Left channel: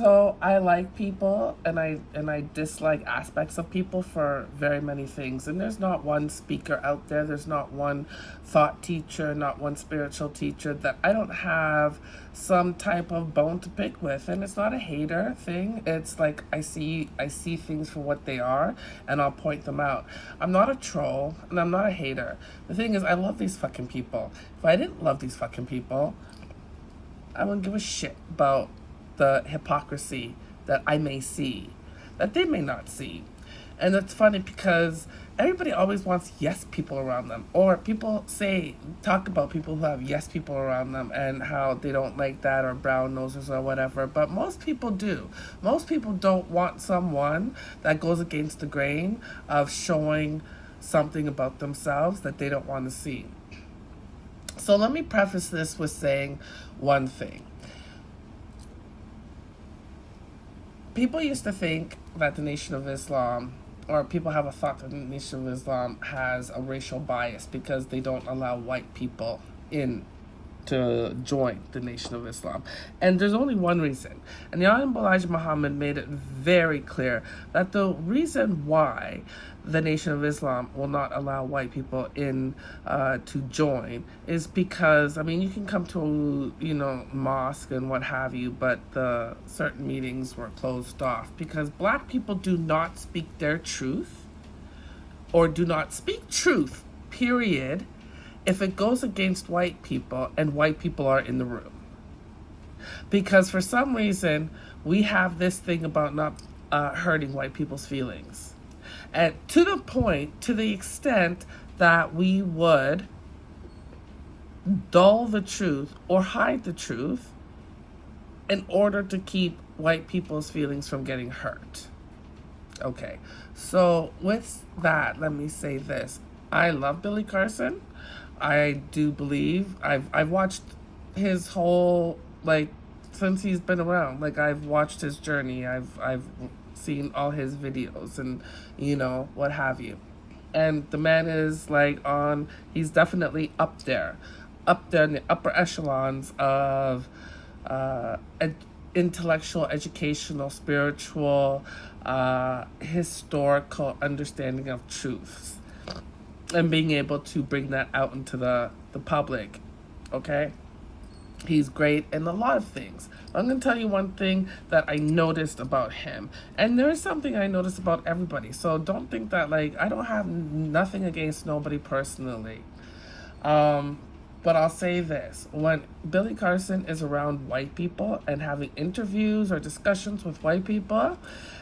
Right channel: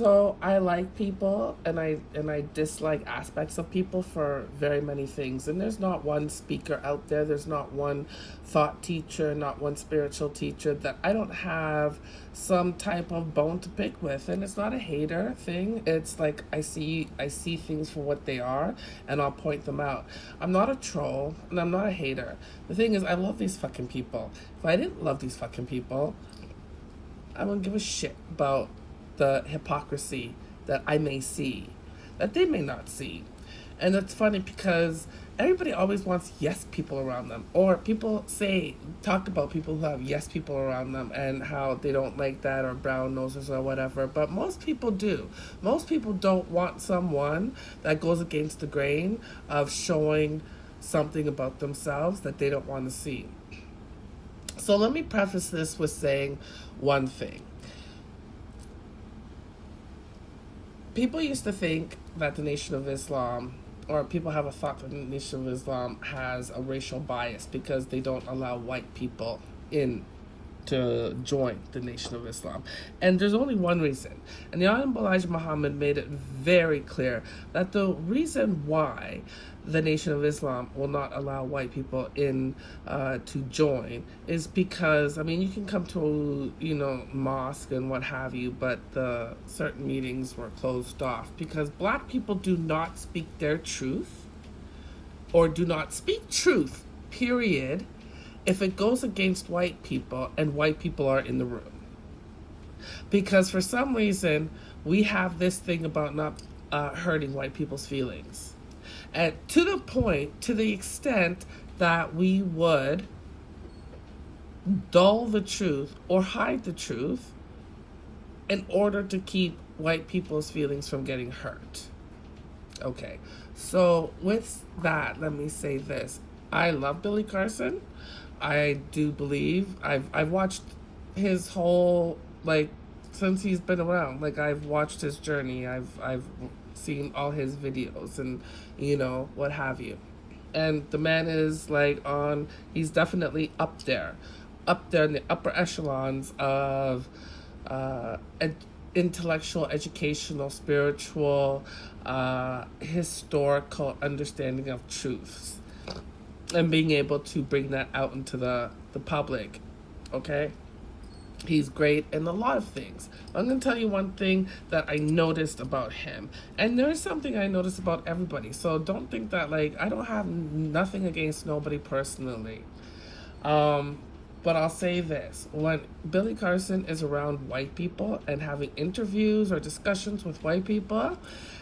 So I like people and I dislike aspects of people for very many things. And there's not one speaker out there, there's not one thought teacher, not one spiritual teacher that I don't have some type of bone to pick with. And it's not a hater thing. It's like I see things for what they are and I'll point them out. I'm not a troll and I'm not a hater. The thing is I love these fucking people. If I didn't love these fucking people, I wouldn't give a shit about the hypocrisy that I may see, that they may not see. And it's funny because everybody always wants yes people around them. Or people talk about people who have yes people around them and how they don't like that, or brown noses or whatever. But most people do. Most people don't want someone that goes against the grain of showing something about themselves that they don't want to see. So let me preface this with saying one thing. People used to think that the Nation of Islam, or people have a thought that the Nation of Islam has a racial bias because they don't allow white people in to join the Nation of Islam. And there's only one reason. And the Honorable Elijah Muhammad made it very clear that the reason why the Nation of Islam will not allow white people in to join is because, I mean, you can come to, mosque and what have you, but the certain meetings were closed off because black people do not speak their truth, or do not speak truth, period, if it goes against white people and white people are in the room. Because for some reason, we have this thing about not hurting white people's feelings. And to the extent that we would dull the truth or hide the truth in order to keep white people's feelings from getting hurt. Okay, so with that, let me say this. I love Billy Carson. I do believe I've watched his whole, since he's been around. I've watched his journey. I've seen all his videos and what have you. And the man is he's definitely up there in the upper echelons of intellectual, educational, spiritual, historical understanding of truths, and being able to bring that out into the public. Okay? He's great in a lot of things. I'm going to tell you one thing that I noticed about him. And there is something I noticed about everybody. So don't think that, I don't have nothing against nobody personally. But I'll say this. When Billy Carson is around white people and having interviews or discussions with white people,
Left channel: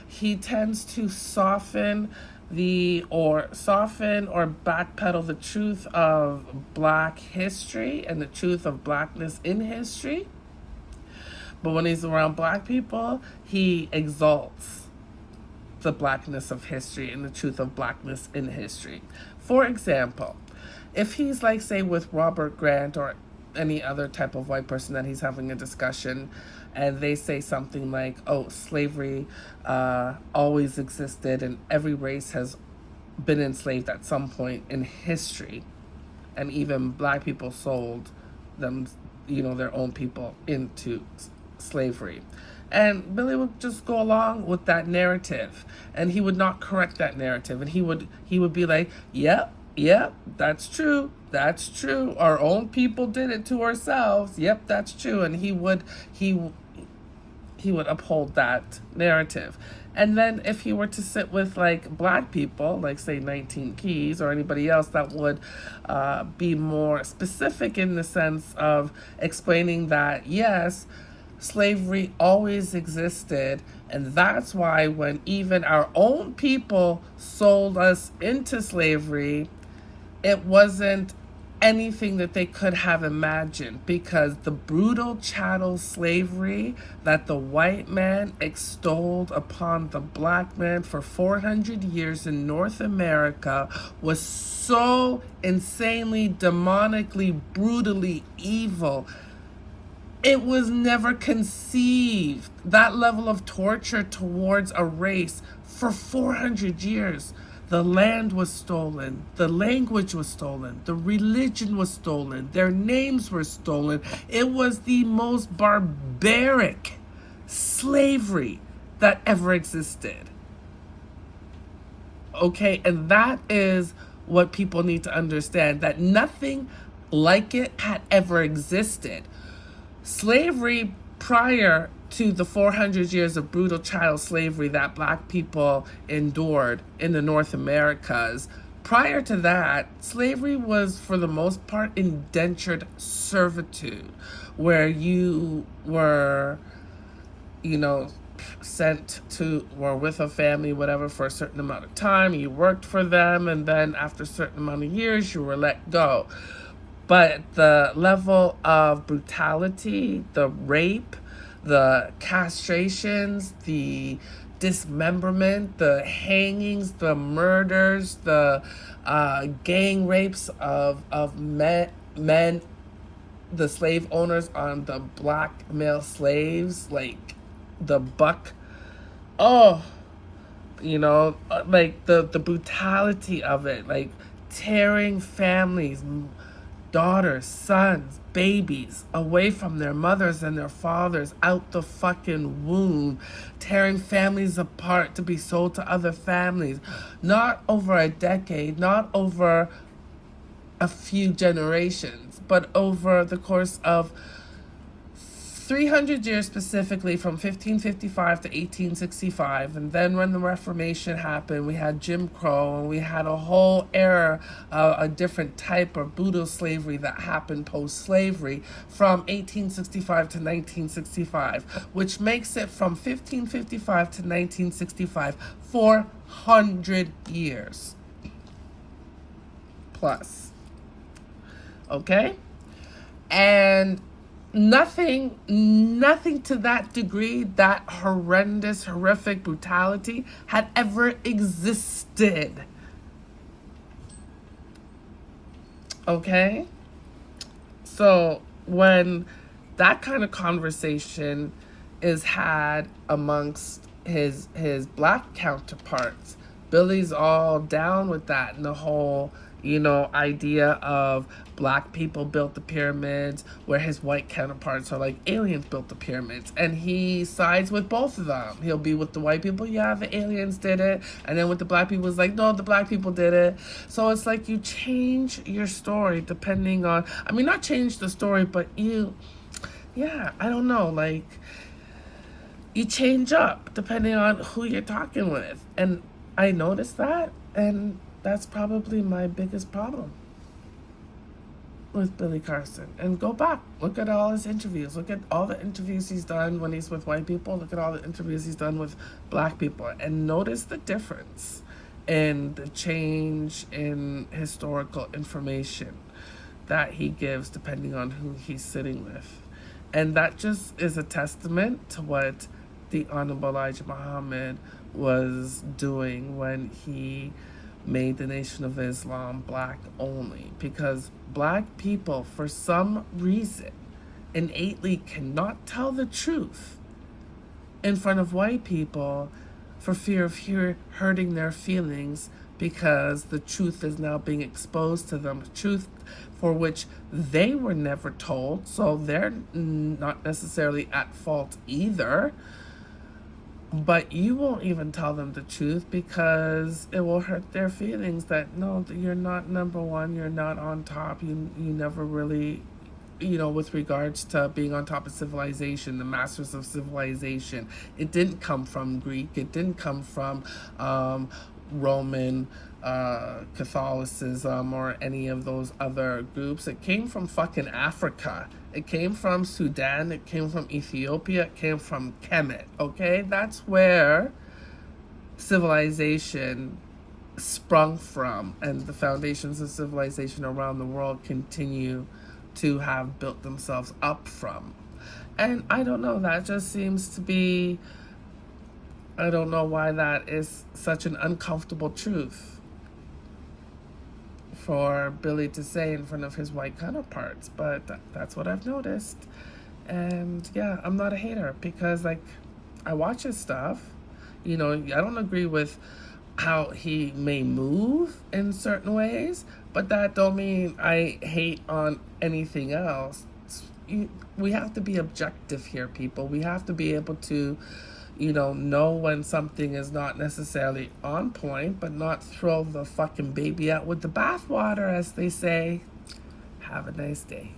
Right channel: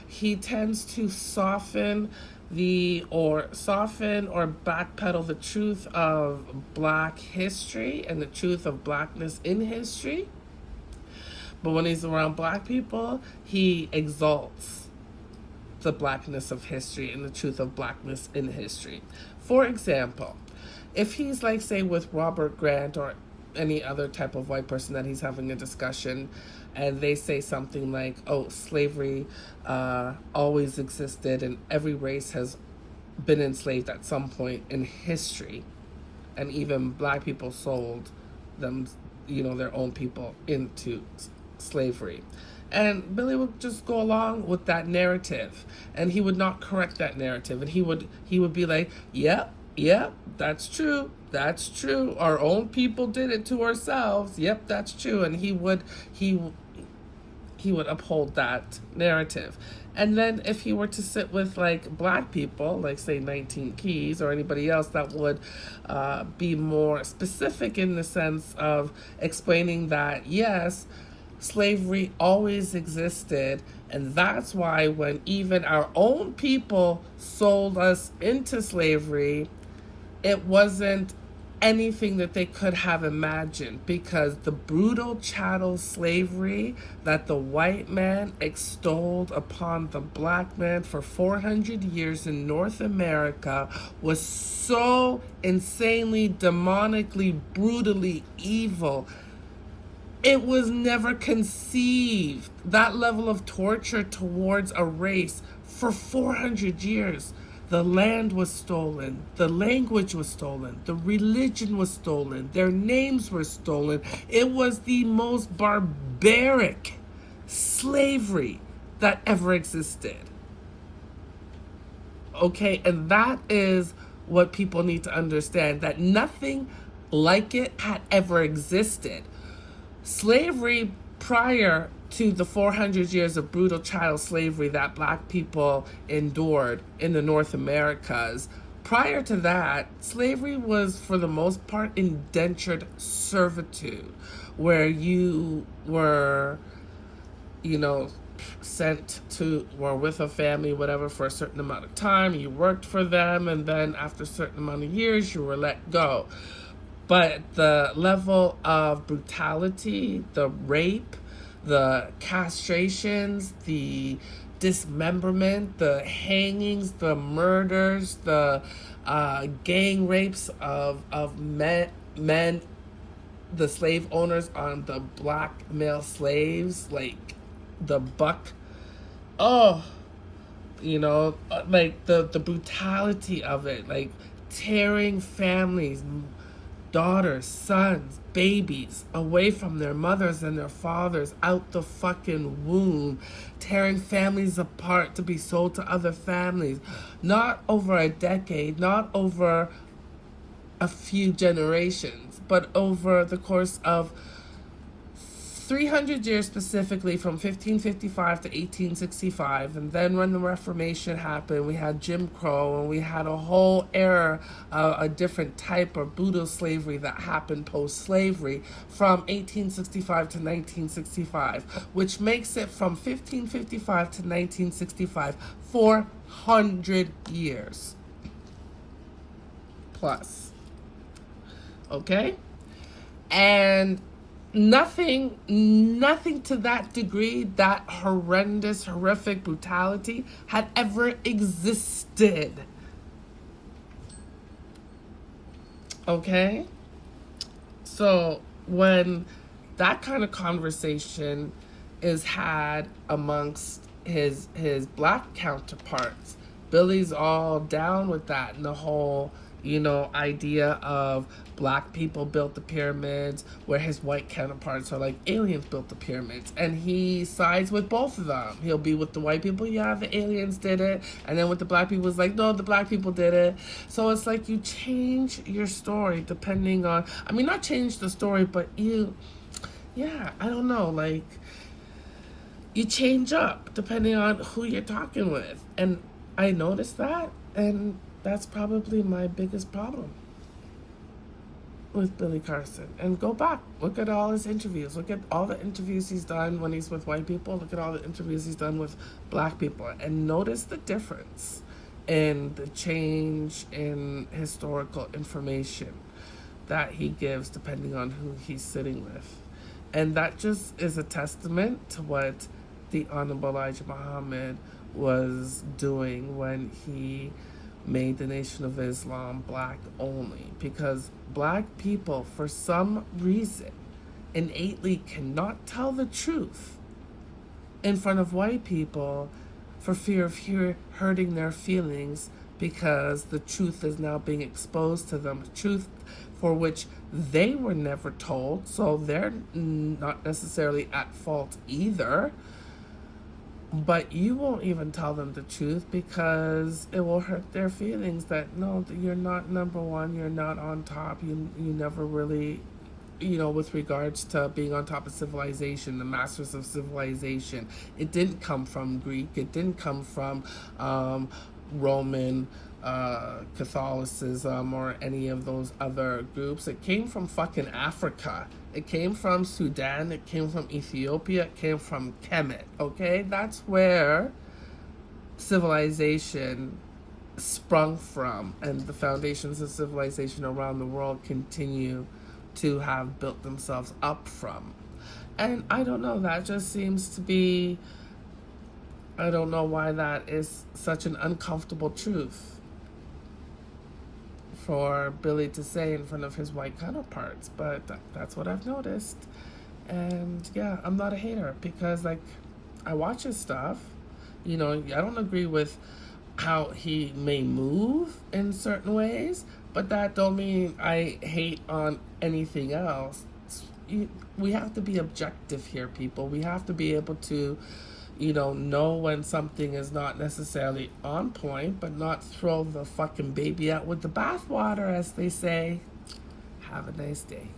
he tends to soften or backpedal the truth of black history and the truth of blackness in history. But when he's around black people, he exalts the blackness of history and the truth of blackness in history. For example, if he's say with Robert Grant or any other type of white person that he's having a discussion, and they say something like, slavery always existed and every race has been enslaved at some point in history, and even black people sold them, their own people into slavery. And Billy would just go along with that narrative, and he would not correct that narrative, and he would be like, yep, that's true. Our own people did it to ourselves. Yep, that's true. And he would uphold that narrative. And then if he were to sit with black people, say 19 Keys or anybody else that would be more specific in the sense of explaining that, yes, slavery always existed, and that's why when even our own people sold us into slavery, it wasn't anything that they could have imagined, because the brutal chattel slavery that the white man extolled upon the black man for 400 years in North America was so insanely, demonically, brutally evil. It was never conceived. That level of torture towards a race for 400 years. The land was stolen, the language was stolen, the religion was stolen, their names were stolen. It was the most barbaric, slavery that ever existed. Okay, and that is what people need to understand, that nothing like it had ever existed. Slavery prior to the 400 years of brutal child slavery that black people endured in the North Americas, prior to that, slavery was for the most part indentured servitude, where you were, sent to or with a family, whatever, for a certain amount of time. You worked for them, and then after a certain amount of years, you were let go. But the level of brutality, the rape, the castrations, the dismemberment, the hangings, the murders, the gang rapes of men, the slave owners on the black male slaves, like the buck. Oh, like the brutality of it, like tearing families, daughters, sons, babies away from their mothers and their fathers out the fucking womb, tearing families apart to be sold to other families, not over a decade, not over a few generations, but over the course of 300 years, specifically from 1555 to 1865. And then when the Reformation happened, we had Jim Crow, and we had a whole era, a different type of brutal slavery that happened post-slavery from 1865 to 1965, which makes it from 1555 to 1965, 400 years plus. Okay? And nothing to that degree, that horrendous, horrific brutality had ever existed. Okay? So when that kind of conversation is had amongst his black counterparts, Billy's all down with that, and the whole idea of black people built the pyramids, where his white counterparts are like, aliens built the pyramids, and he sides with both of them. He'll be with the white people, yeah, the aliens did it, and then with the black people, it's like, no, the black people did it. So it's like you change your story depending on, not change the story, but I don't know, like, you change up depending on who you're talking with. And I noticed that, and that's probably my biggest problem with Billy Carson. And go back, look at all his interviews, look at all the interviews he's done when he's with white people, look at all the interviews he's done with black people, and notice the difference in the change in historical information that he gives depending on who he's sitting with. And that just is a testament to what the Honorable Elijah Muhammad was doing when he made the Nation of Islam black only, because black people, for some reason, innately cannot tell the truth in front of white people for fear of hurting their feelings, because the truth is now being exposed to them, truth for which they were never told, so they're not necessarily at fault either. But you won't even tell them the truth because it will hurt their feelings that, no, you're not number one, you're not on top, you never really, with regards to being on top of civilization, the masters of civilization. It didn't come from Greek, it didn't come from Roman Catholicism or any of those other groups. It came from fucking Africa. It came from Sudan, it came from Ethiopia, it came from Kemet, okay? That's where civilization sprung from, and the foundations of civilization around the world continue to have built themselves up from. And I don't know, that just seems to be, I don't know why that is such an uncomfortable truth for Billy to say in front of his white counterparts, but that's what I've noticed. And yeah, I'm not a hater, because like, I watch his stuff, I don't agree with how he may move in certain ways, but that don't mean I hate on anything else. we have to be objective here, people. We have to be able to, know when something is not necessarily on point, but not throw the fucking baby out with the bathwater, as they say. Have a nice day.